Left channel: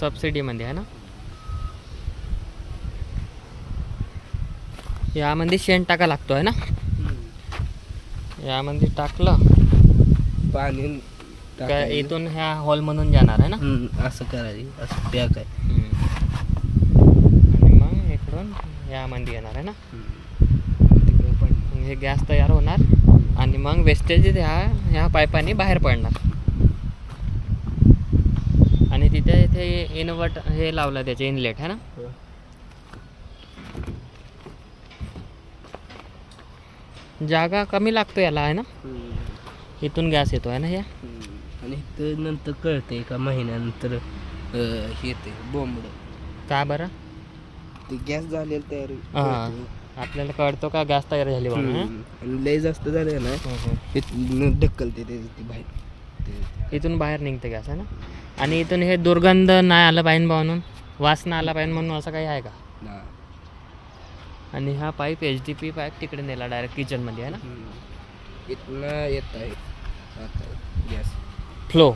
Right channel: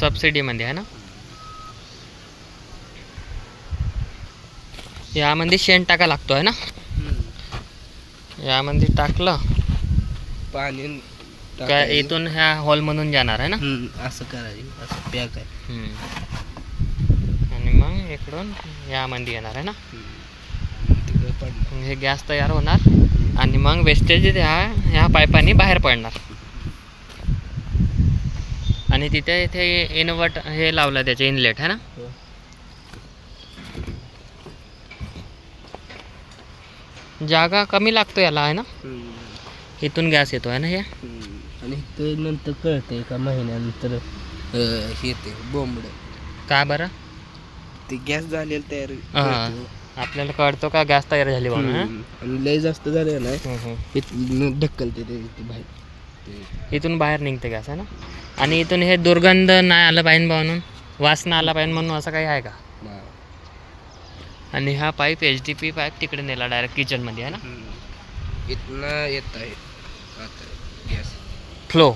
सबसिडीमध्ये आहे ना. यामध्ये शेण टाका लागतो आहे ना. यामध्ये टाकलं पाणी काय इथून ह्या हॉलमधून जाणार आहे ना. असं करायचं, असं पॅक आहे. आणि मग इकडून यामध्ये येणार आहे ना. तिकडे पडणार. हे गॅस तयार होणार आणि मग वेस्टेज ह्या पाईपाने बाहेर पडणार. आणि तिथे इथे इन्व्हर्ट हे लावलं त्याचे इनलेट आहे ना. जागा कमी लागतो याला आहे ना. इथून गॅस येतो आहे ना हे. आणि ते नंतर कळतं एका महिन्यानंतर येते बोंबड. का बरं. ते गॅस झालेलं तयार हां आपल्याला कळतो का गॅस तयार झाली म्हणून. आणि लय जास्त झालं ना ढक्कलते ते बाहेर. इथून बाहेर निघते गॅस आहे ना. आणि इथून हे दुर्गंध नाही आलं पाहिजे म्हणून, वास नाही आला पाहिजे म्हणून असं काही आहे का. आणि हा पाईप HDP पाईप तिकडे नेला डायरेक्ट किचनमध्ये आहे ना. इथनं येत आहे आता गॅस फ्लो